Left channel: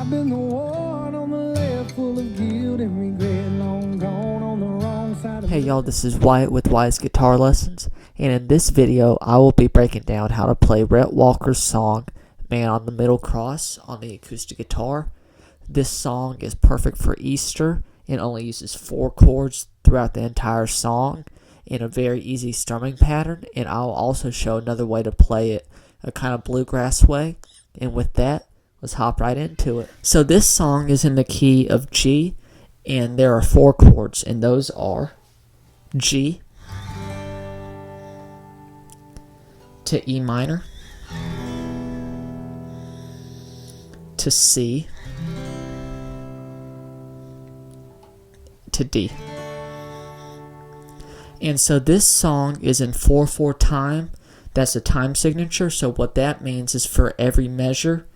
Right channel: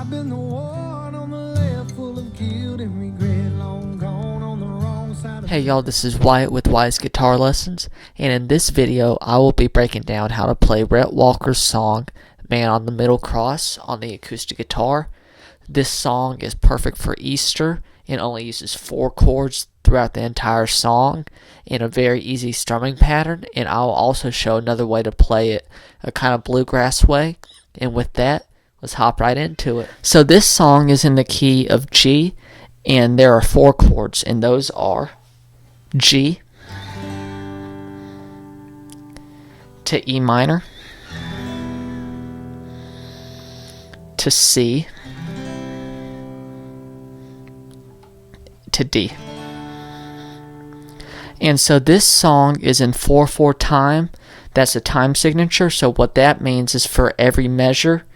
I've been the one on the left, full of guilt and regret, long gone on the wrong side of Hey y'all, this is Wyatt with Wyatt's Guitar Lessons, and in this video I will be breaking down how to play Rhett Walker's song, Man on the Middle Cross, on the acoustic guitar. This song is perfect for Easter and only uses 4 chords throughout the entire song in a very easy strumming pattern, and I'll also show another way to play it, a kind of bluegrass way. And with that, let's hop right into it. So this song is in the key of G, and there are 4 chords, and those are G to E minor to C to D. And so this song is in 4/4 time. That's a time signature. So what that means is for every measure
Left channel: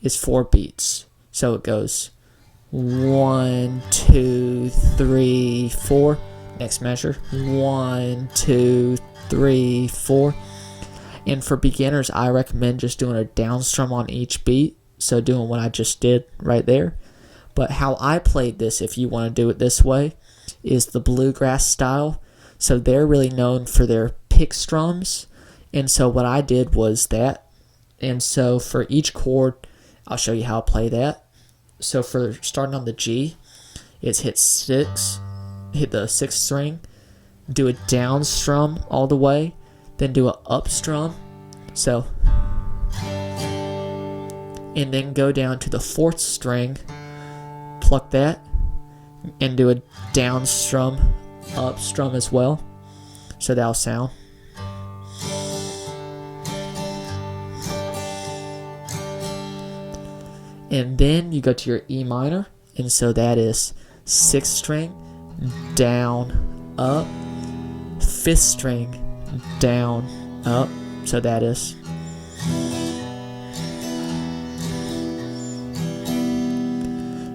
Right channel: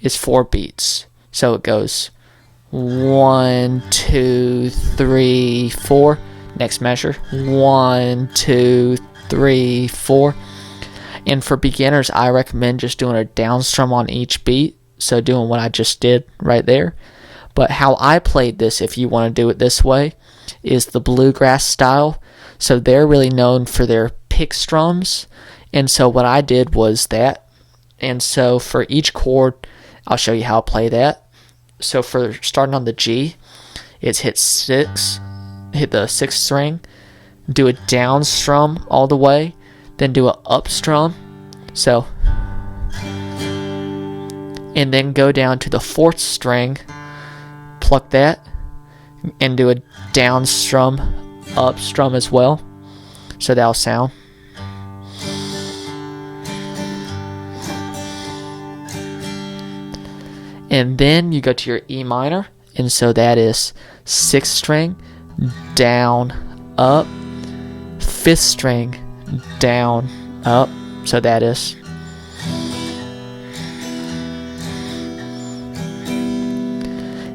is 4 beats. So it goes 1, 2, 3, 4. Next measure 1, 2, 3, 4. And for beginners, I recommend just doing a down strum on each beat. So doing what I just did right there. But how I played this, if you want to do it this way, is the bluegrass style. So they're really known for their pick strums. And so what I did was that. And so for each chord, I'll show you how to play that. So for starting on the G, it's hit the 6th string, do a down strum all the way, then do a up strum. So, and then go down to the 4th string, pluck that, and do a down strum, up strum as well. So that'll sound. And then you go to your E minor, and so that is 6th string, down, up, 5th string, down, up. So that is.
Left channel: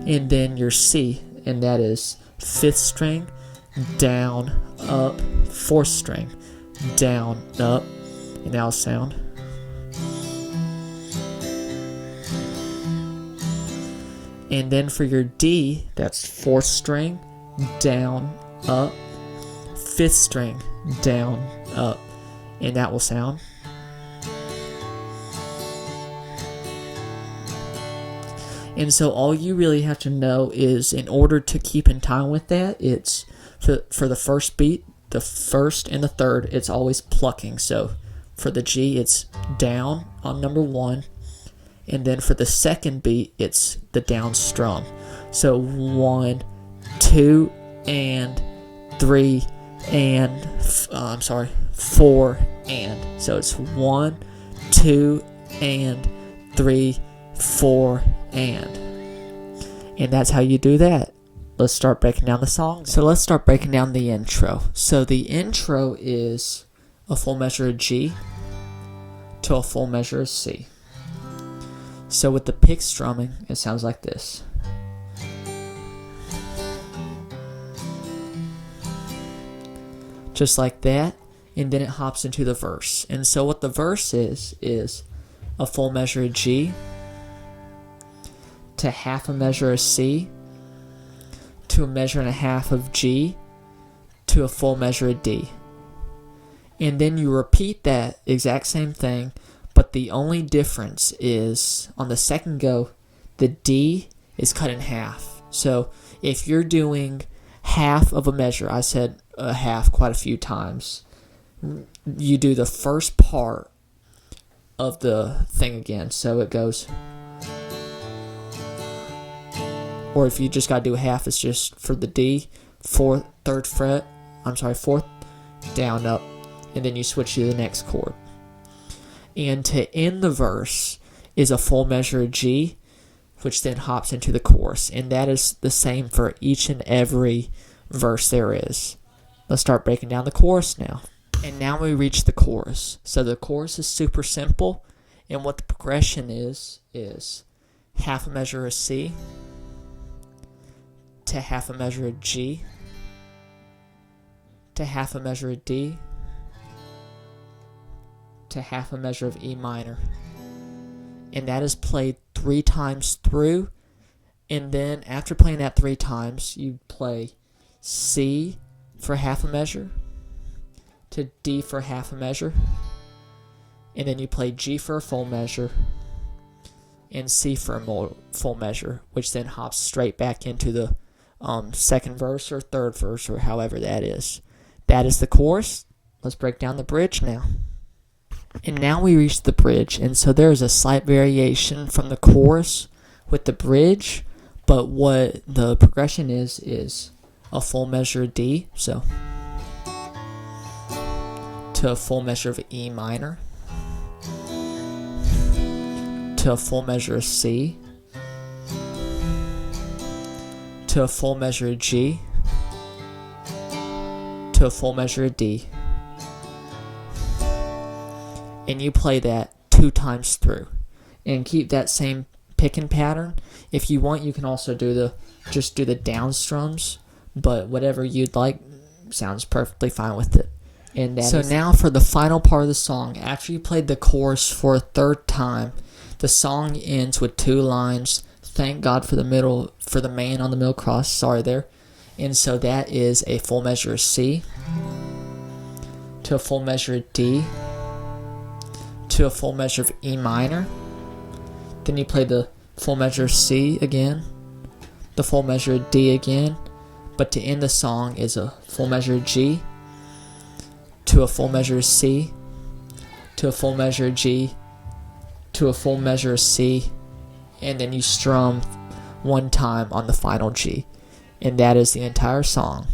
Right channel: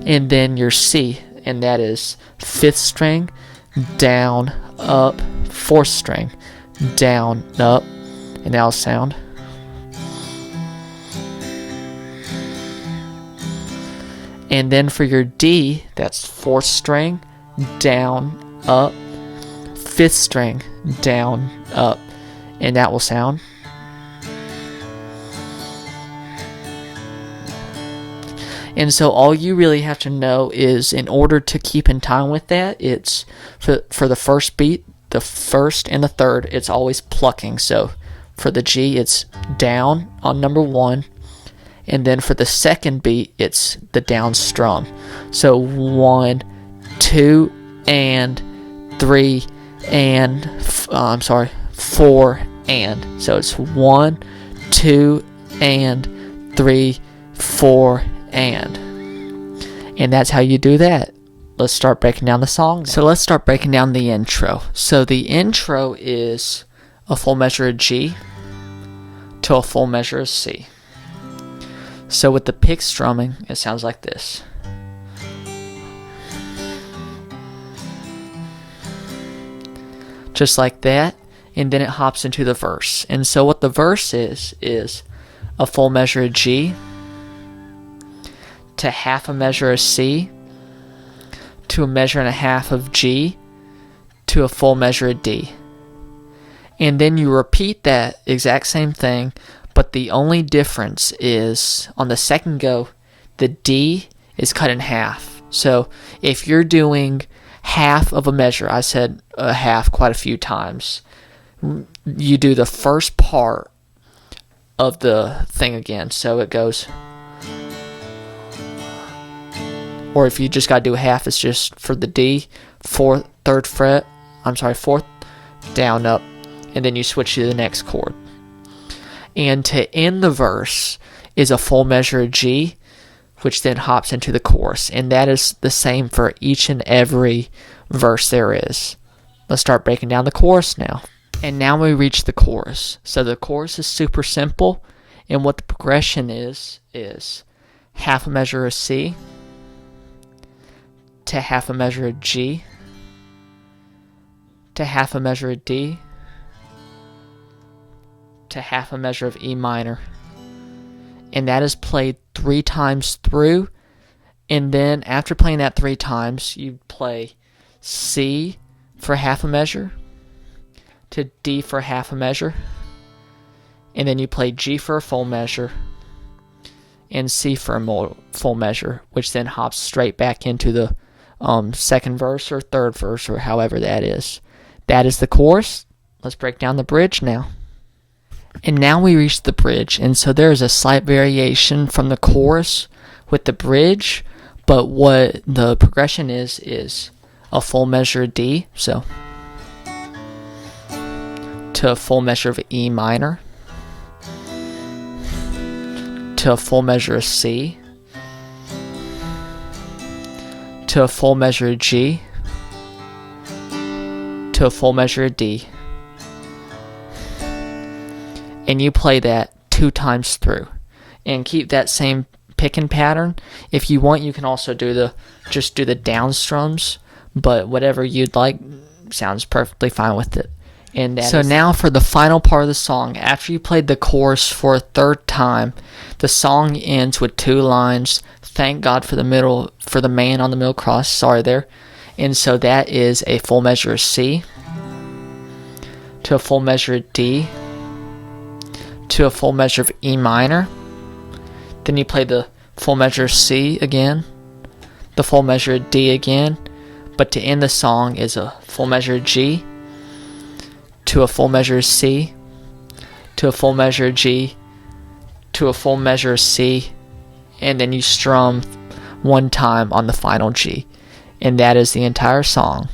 And then your C, and that is 5th string, down, up, 4th string, down, up, and that'll sound. And then for your D, that's 4th string, down, up, 5th string, down, up, and that will sound. And so all you really have to know is, in order to keep in time with that, it's for the first beat, the 1st and the 3rd, it's always plucking. So for the G, it's down on number 1. And then for the 2nd beat, it's the down strum. So 1, 2, and 3, and 4, and. So it's 1, 2, and 3, 4, and. And that's how you do that. Let's start breaking down the song. So let's start breaking down the intro. So the intro is a full measure of G to a full measure of C. So with the pick strumming, it sounds like this. Just like that, and then it hops into the verse. And so what the verse is a full measure of G to half a measure of C to a measure and a half of G to a full measure of D. And then you repeat that exact same thing, but the only difference is on the 2nd go, the D is cut in half. So if you're doing half of a measure, I said a half quite a few times, you do the first part of the thing again. So it goes, or if you just got to do half, it's just for the D, 4th down, up, and then you switch to the next chord. And to end the verse is a full measure of G, which then hops into the chorus. And that is the same for each and every verse there is. Let's start breaking down the chorus now. And now we reach the chorus. So the chorus is super simple. And what the progression is half a measure of C to half a measure of G to half a measure of D to half a measure of E minor. And that is played 3 times through And then after playing that 3 times, you play C for half a measure to D for half a measure, and then you play G for a full measure and C for a full measure, which then hops straight back into the second verse or third verse or however that is. That is the chorus. Let's break down the bridge now. And now we reach the bridge, and so there is a slight variation from the chorus with the bridge, but what the progression is a full measure of D, so to a full measure of E minor, to a full measure of C, to a full measure of G, to a full measure of D. And you play that 2 times through and keep that same picking pattern. If you want, you can also just do the down strums, but whatever you'd like sounds perfectly fine with it. And so now for the final part of the song, after you played the chorus for a 3rd time, the song ends with 2 lines. Thank God for the man on the middle cross. Sorry there. And so that is a full measure of C to a full measure of D to a full measure of E minor. Then you play the full measure of C again, the full measure of D again, but to end the song is a full measure of G to a full measure of C to a full measure of G to a full measure of C, and then you strum 1 time on the final G. And that is the entire song.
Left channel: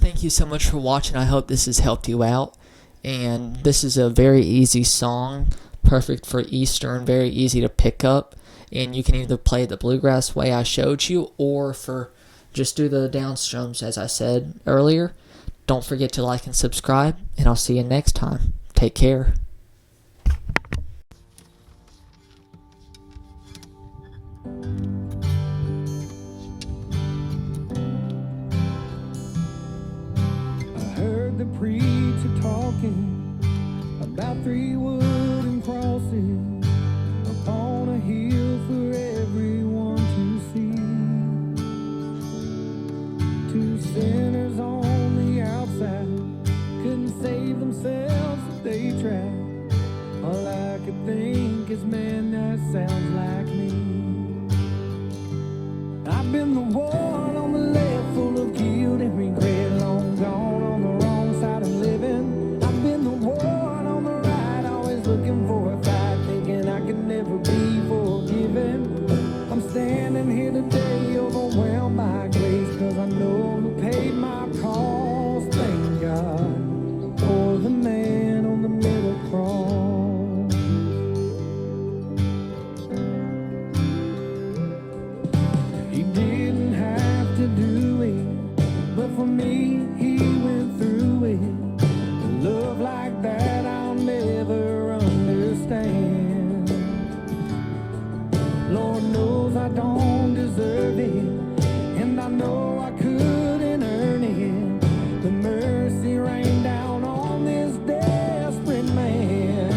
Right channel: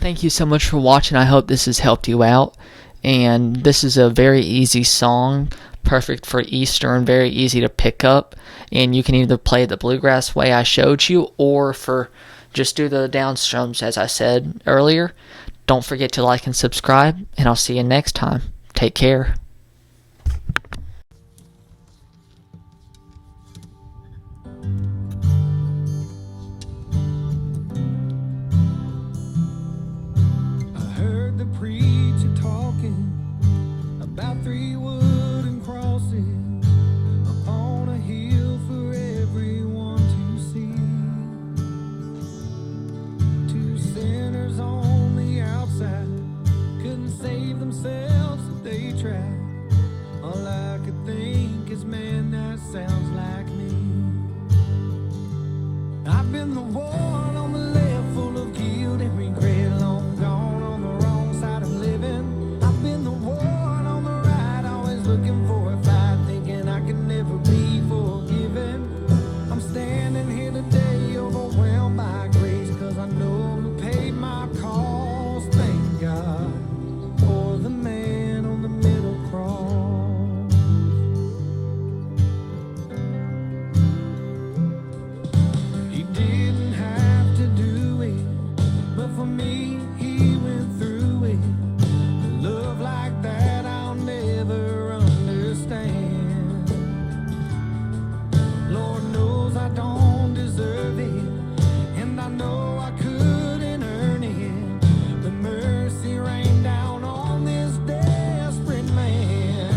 Thank you so much for watching. I hope this has helped you out. And this is a very easy song, perfect for Easter and very easy to pick up. And you can either play the bluegrass way I showed you, or just do the down strums as I said earlier. Don't forget to like and subscribe, and I'll see you next time. Take care. Heard the preacher talking about 3 wooden crosses upon a hill for everyone to see. 2 sinners on the outside couldn't save themselves if they tried. All I could think is, man, that sounds like me. I've been the one on the left, full of guilt and regret, long gone on the wrong side of living. I've been the one on the right, always looking for a fight, thinking I could never be forgiven. I'm standing here today, overwhelmed by grace, 'cause I know who paid my cost. Thank God for the man on the middle cross. He didn't have to do it, but for me, he went through it. Love like that I'll never understand. Lord knows I don't deserve it, and I know I couldn't earn it. The mercy rained down on this desperate man.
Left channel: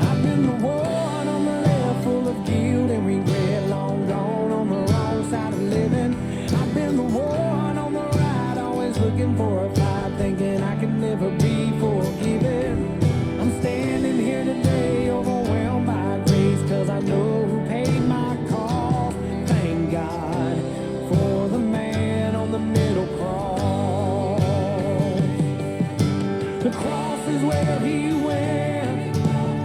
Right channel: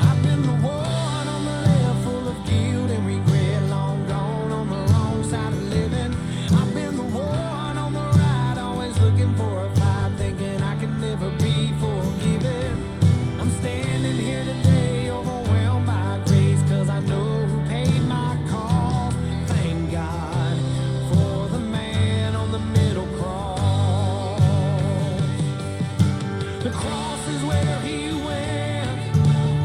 I've been the one on the left, full of guilt and regret, long gone on the wrong side of living. I've been the one on the right, always looking for a fight, thinking I can never be forgiven. I'm standing here today, overwhelmed by grace, 'cause I know who paid my cost. Thank God for the man on the middle cross. The cross is where he went,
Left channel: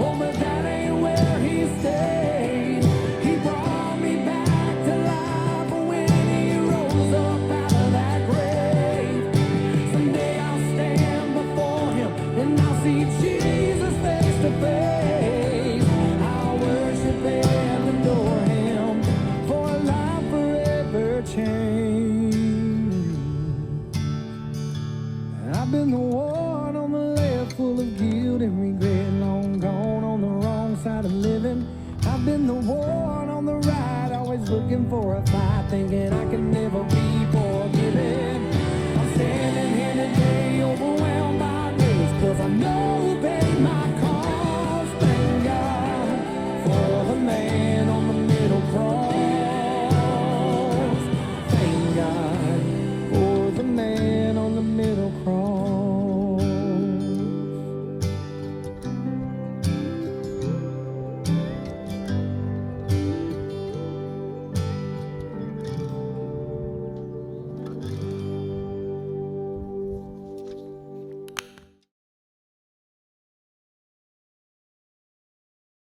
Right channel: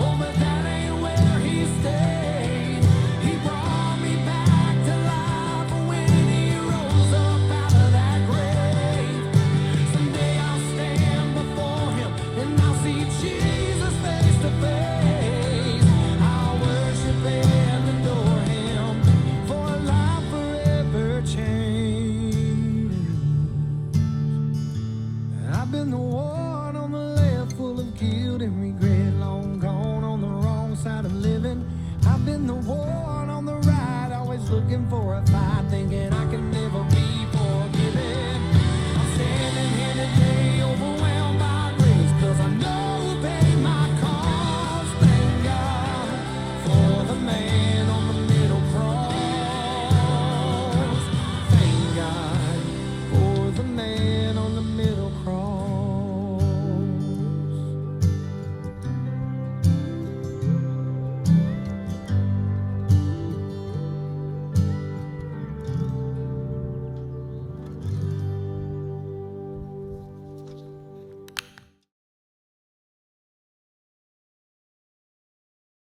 oh, but that ain't where he stayed. He brought me back to life when he rose up out of that grave. Someday I'll stand before him and I'll see Jesus face to face. I'll worship and adore him for a life forever changed. I've been the one on the left, full of guilt and regret, long gone on the wrong side of living. I've been the one on the right, always looking for a fight, thinking I can never be forgiven.